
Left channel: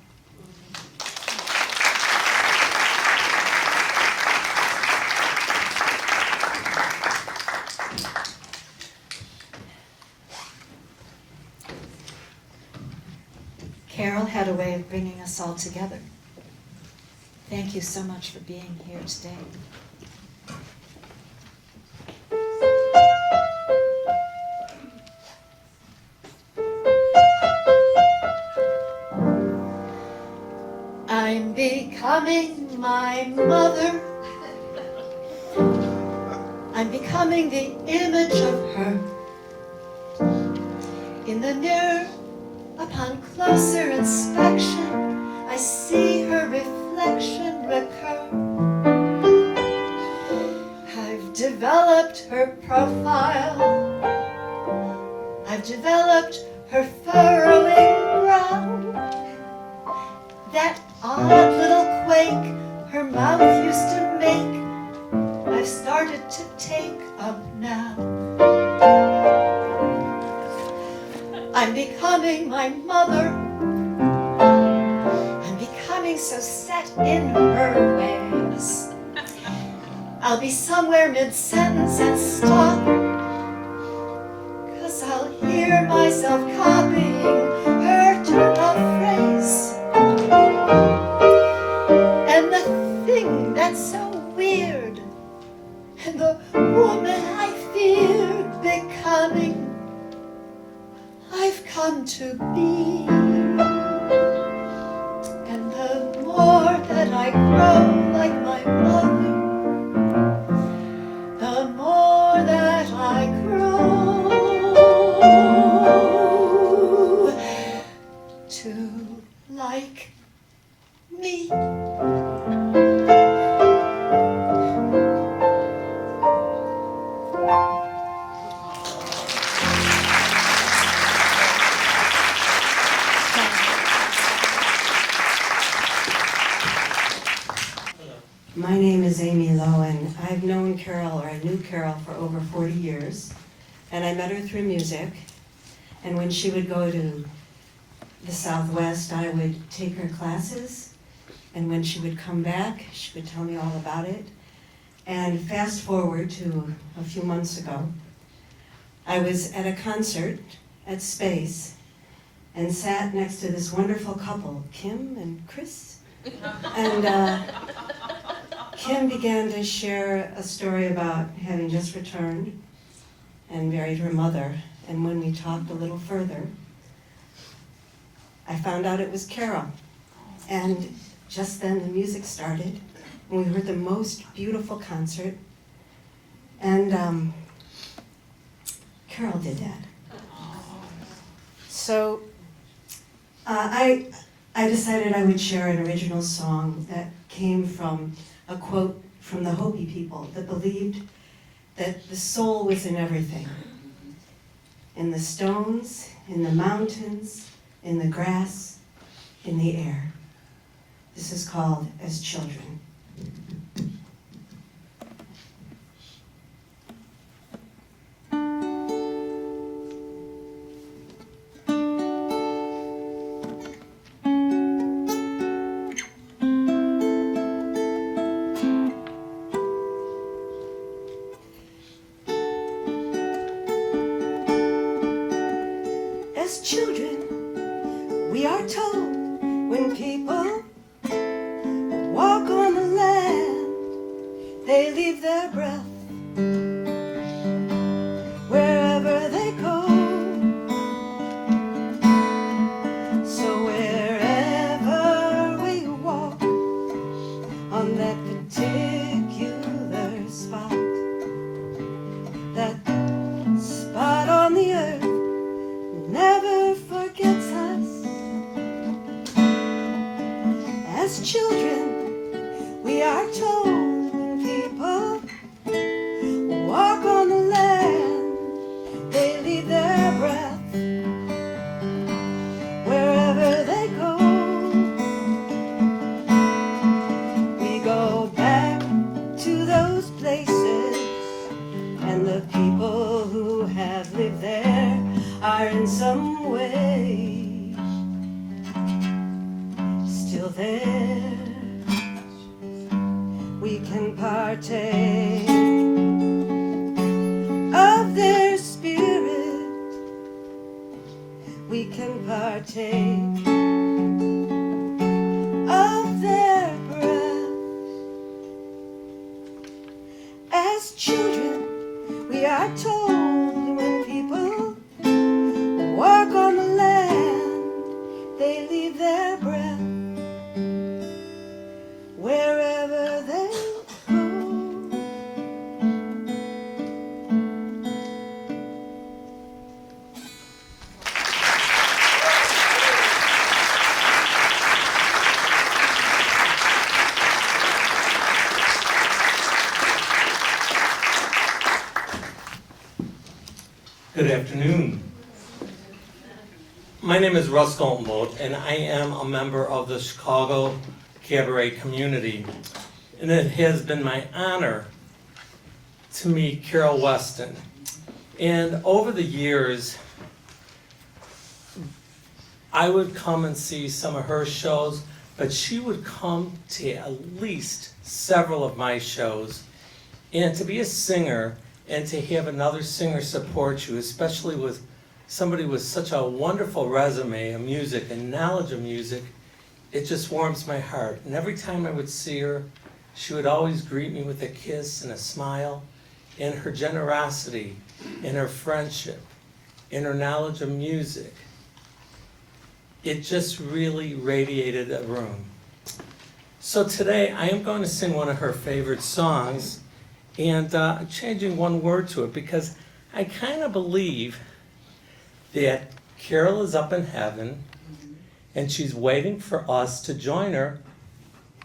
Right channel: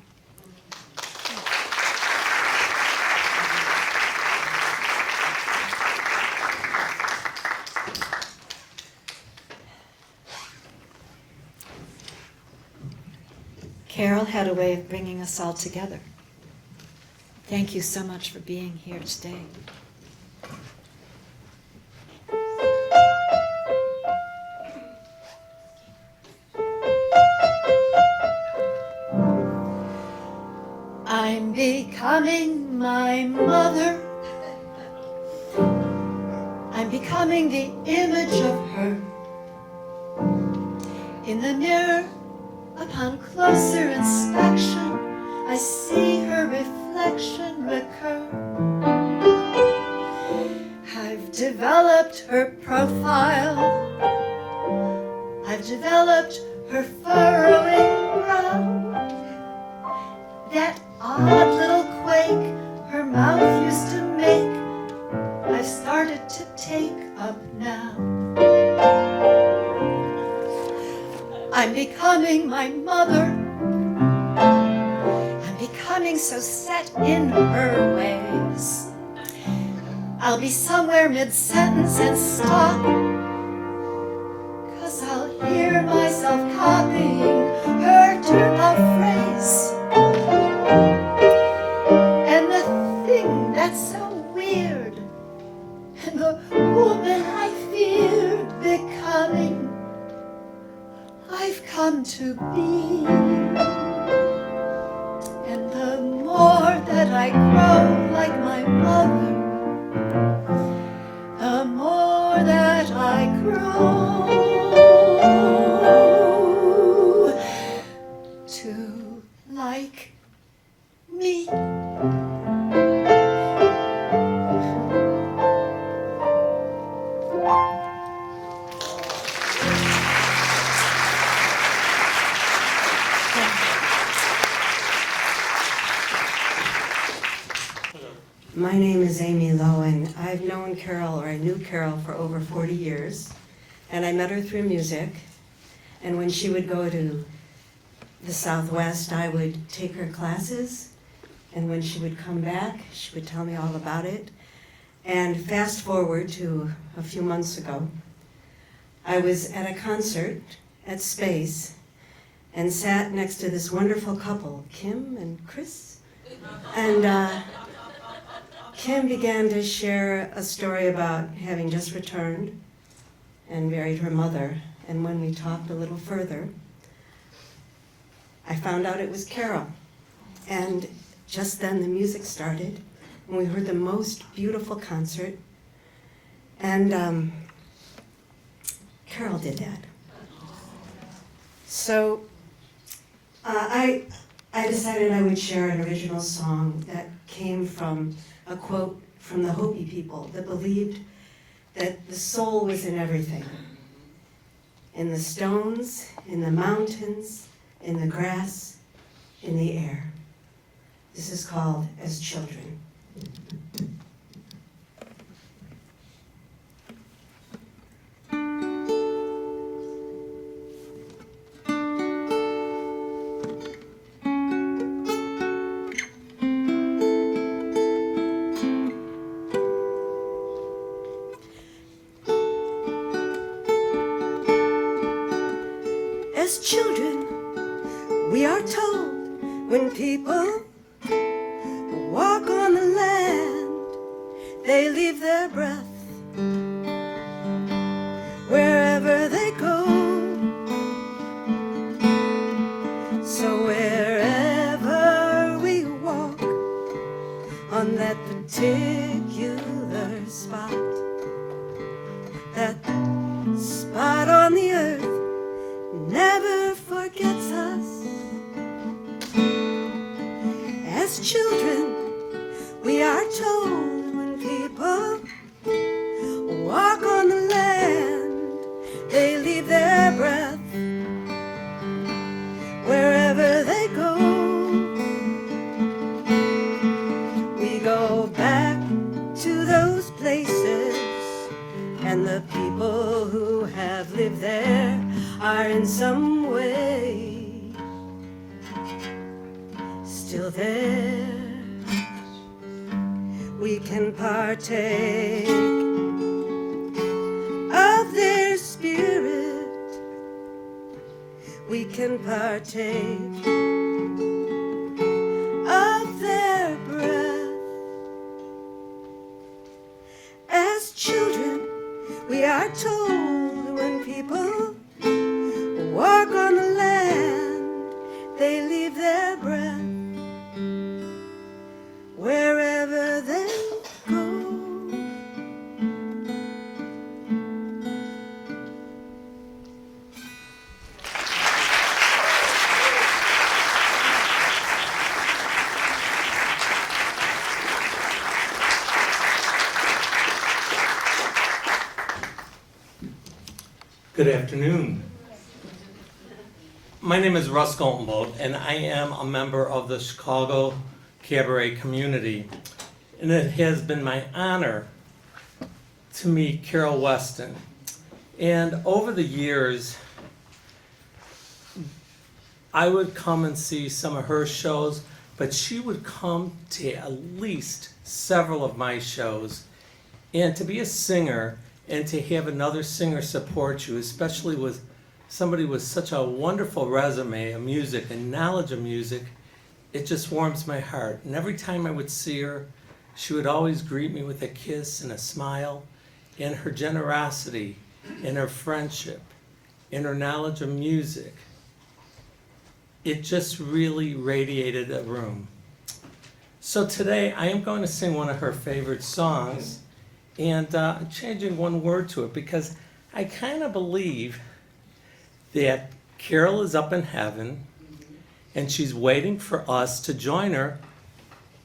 Carol had a way of bringing us all together. Thank you so much for being here today. I'm becoming my mother. I'm becoming the image of her. In the mirror, upon closer inspection, I see her reflection recur. I've developed her profile. I've developed her furrowing brow. That odd little quake her mouth used to make, I've started to take up now. I'm becoming my mother. I'm becoming so set in her ways. I'll be somewhere mid-sentence and stop, 'cause I'll hear myself copying her turn of phrase. And the thing that's so weird, and the woman I feared becoming, I've come to be. And the more that I grow like my mother, the more that I grow to like me. My name is Amy Lowe, and I've known Carol, or I knew Carol for over 40 years, and I met her through music. And when she would go to the Southwest, I would take her classes, and when she would come back, she would tell me all about it. And fast forward to a few months ago, I was at a concert at Space and sat next to this wonderful couple, Kim and Chris. And Kim began to share a story about having just returned and buried her mother. And when we talked a little further, I found out it was Carol. And just then the music started, and we heard the most beautiful concert. And Carol did that. So I decided I would share an original song that came from a quote from the Hopi people that believed that the soul was in everything. In the stones, in the mountains, in the grass, in the air. This is called As Children. As children, we are told when people walk on the land, they leave their breath wherever they go. So wherever we walk on that particular spot, that spot on the earth never forgets us. As children, we are we can partake of their spirit, we can partake of their breath. As children, we are told when people walk on the land, they leave their breath wherever they go. Good afternoon. My name is Russ Goldenbolt, and I am a member of the Chicago cabaret community. And it has been my honor to meet Carol Weston. And over the years, I would come and see some of her shows, but she would come to at least several of my shows. And to be a singer and to have another singer support you, especially with somebody with such a wonderful resume of music and knowledge of music, it just warms my heart. And every time I would see her, she would always greet me with a kiss and a smile, and her generosity, and her friendship, and her knowledge of music. It just really radiated a room. So today I am going to sing one of her favorite songs, and I'm changing one word to it because I kind of believe that Carol is up in heaven and she's waiting for us to join her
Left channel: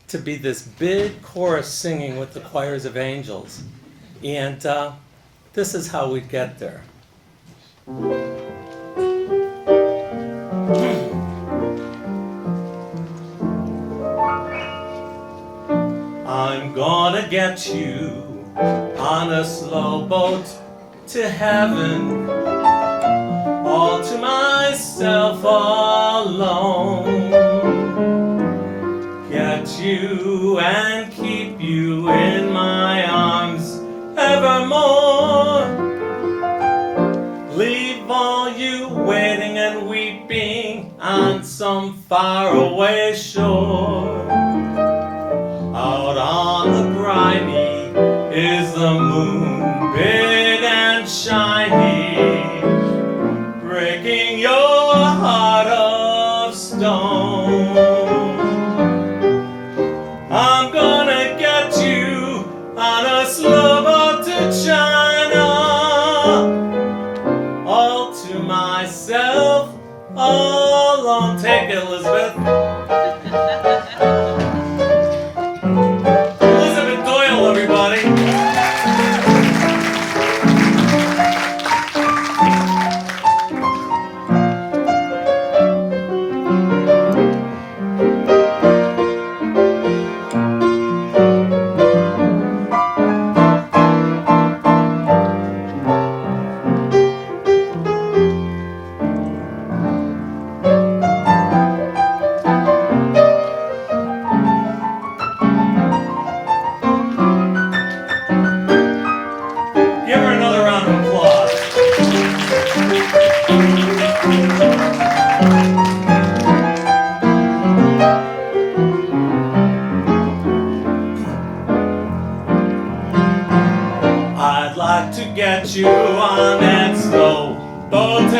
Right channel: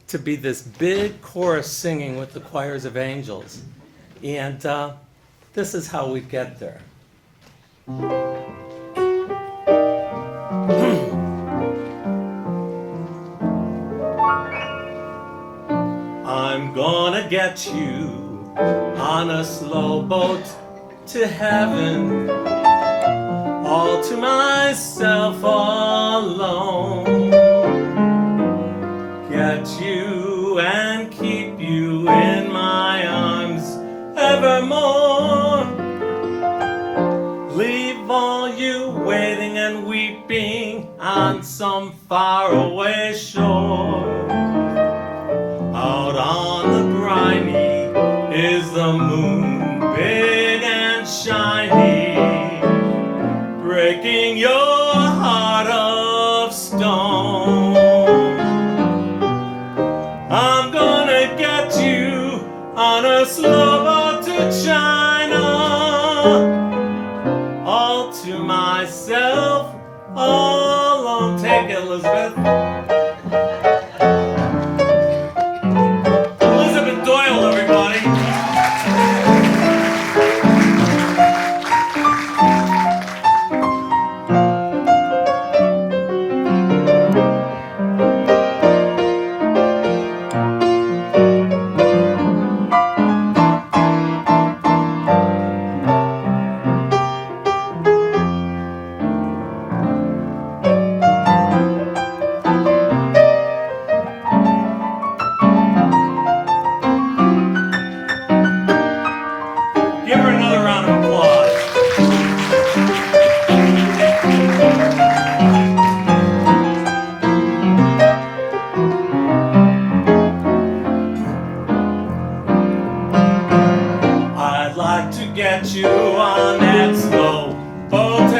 to be this big chorus singing with the choirs of angels. And this is how we get there. I'm gonna get you on a slow boat to heaven, all to myself alone. Get you and keep you in my arms evermore. Leave all you waiting and weeping on some faraway shore. Out on the briny is the moon, big and shiny, breaking your heart of stone. I'm gonna get you on a slow boat to China, all to myself alone. Take it, Elizabeth. Doyle, everybody. I'd like to get you on its slow boat.